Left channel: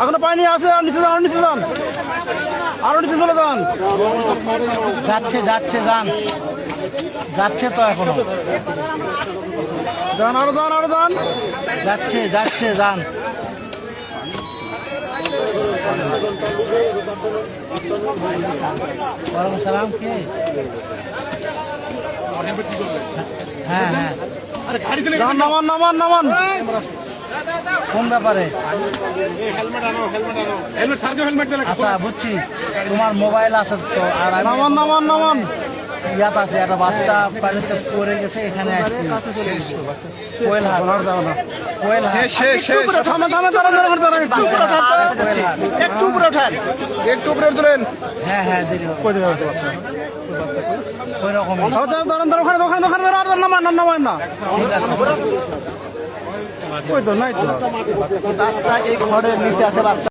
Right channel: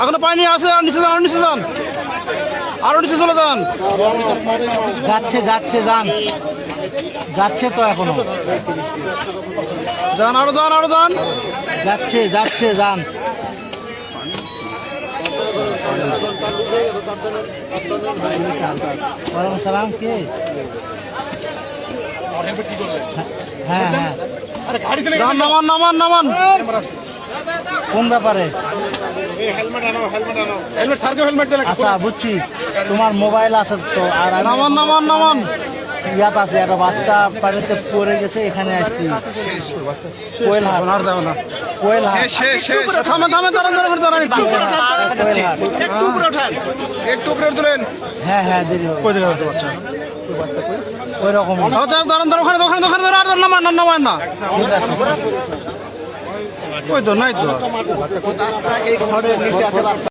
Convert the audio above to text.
এখনো পানি আছে, আর নিচে যান, আরো নিচে যান, আরো নিচে চলে যান। যাচ্ছে যাচ্ছে যান, যাচ্ছে তো এখনো, যান, আরো যান, আরো যান। যাচ্ছে যাচ্ছে যান। ওয়ালাইকুম সালাম। কে? হ্যাঁ হ্যাঁ, যান, নামান নামান নামান। কোন ব্যাপারে? আচ্ছা বুঝছি, তোমার মোবাইল আছে তো। আর নামান নামান নামান। ইয়াত আছে, একটা বাচ্চা বাড়িতে পড়ে গেছে, এখানে আসছি। কোয়েল হাট, আর যাও না, কোয়েল হাট। থামে থামে, দাঁড়ান দাঁড়ান দাঁড়ান একটু। একটু উপরে তুলেন। হ্যাঁ হ্যাঁ, দেরি হবে। কই জায়গা বাচ্চা? ওই রকম দাঁড়ান দাঁড়ান, ওখানে ওখানে ওখানে আর নামান না, নামান না। ওই তো নাই তো। এই ঘরের নিচে আছে বাচ্চা।